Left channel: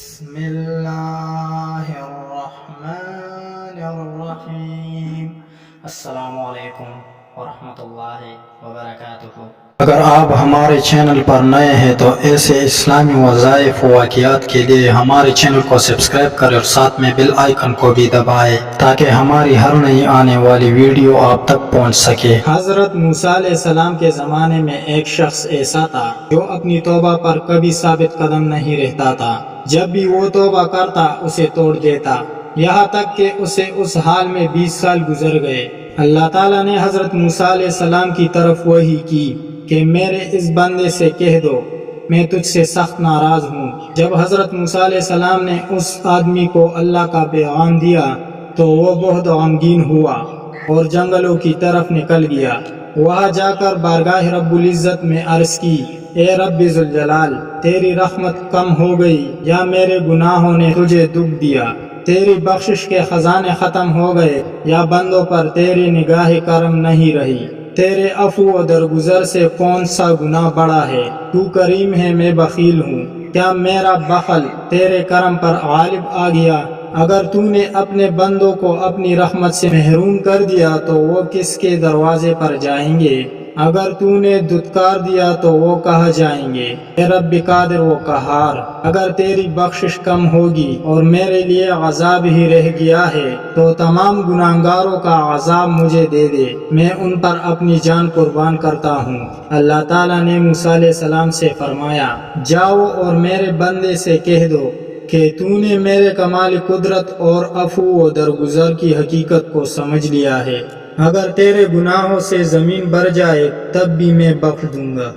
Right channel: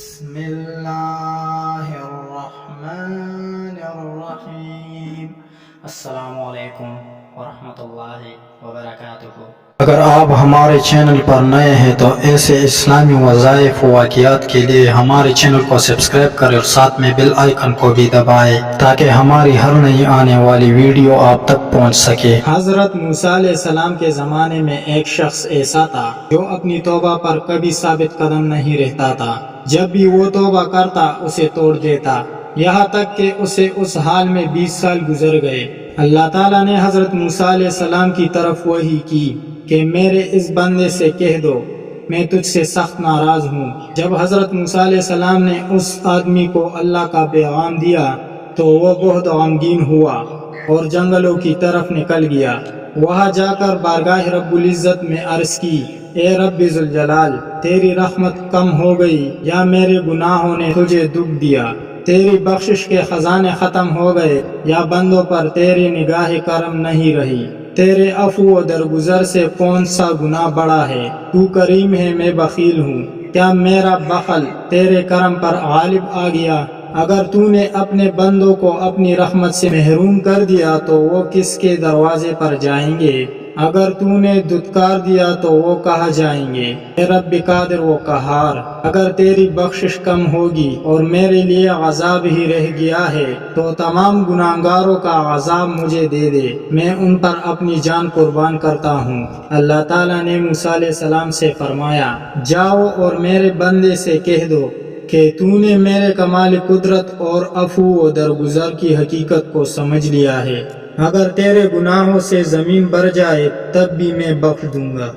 بسم اللہ الرحمن الرحیم۔ السلام علیکم ورحمۃ اللہ وبرکاتہ۔ اگر آپ ہمارے چینل پر نئے ہیں تو ایسے اسلامی وظائف و واقعات کے لیے ہمارے چینل کو سبسکرائب کریں اور ساتھ میں بیل آئیکن کو بھی دبائیں تاکہ ہماری ہر نئی آنے والی ویڈیو آپ تک پہنچ سکے۔ حضرت موسیٰ علیہ السلام کے زمانے میں ایک شخص ایسا تھا جو اپنی توبہ پر کبھی ثابت قدم نہیں رہتا تھا۔ جب بھی وہ توبہ کرتا اسے توڑ دیتا، یہاں تک کہ اسے اس حال میں 20 سال گزر گئے۔ اللہ تعالیٰ نے حضرت موسیٰ علیہ السلام کی طرف وحی کی کہ میرے اس بندے سے کہہ دو میں تجھ سے سخت ناراض ہوں۔ جب حضرت موسیٰ علیہ السلام نے اس آدمی کو اللہ کا پیغام دیا تو وہ بہت غمگین ہوا اور جنگلوں کی طرف نکل گیا۔ وہاں جا کر بارگاہ رب العزت میں عرض کی، اے رب ذوالجلال، تیری رحمت کم ہو گئی یا میرے گناہوں نے تجھے دکھ دیا؟ تیری بخشش کے خزانے ختم ہو گئے یا بندوں پر تیری نگاہ کرم نہیں رہی؟ تیرے عفو و درگزر سے کون سا گناہ بڑا ہے؟ تو کریم ہے، میں بخیل ہوں، کیا میرا بخل تیرے کرم پر غالب آ گیا؟ اگر تو نے اپنے بندوں کو اپنی رحمت سے محروم کر دیا تو وہ کس کے دروازے پر جائیں گے؟ اگر تو نے دھتکار دیا تو وہ کہاں جائیں گے؟ اے رب قادر و قہار، اگر تیری بخشش کم ہوگی اور میرے لیے عذاب ہی رہ گیا ہے تو تمام گناہگاروں کا عذاب مجھے دے دے، میں ان پر اپنی جان قربان کرتا ہوں۔ اللہ تعالیٰ نے موسیٰ علیہ السلام سے فرمایا، جاؤ اور میرے بندے سے کہہ دو کہ تو نے میرے کمال قدرت اور عفو و درگزر کی حقیقت کو سمجھ لیا ہے۔ اگر تیرے گناہوں سے زمین بھر جائے تب بھی میں بخش دوں گا۔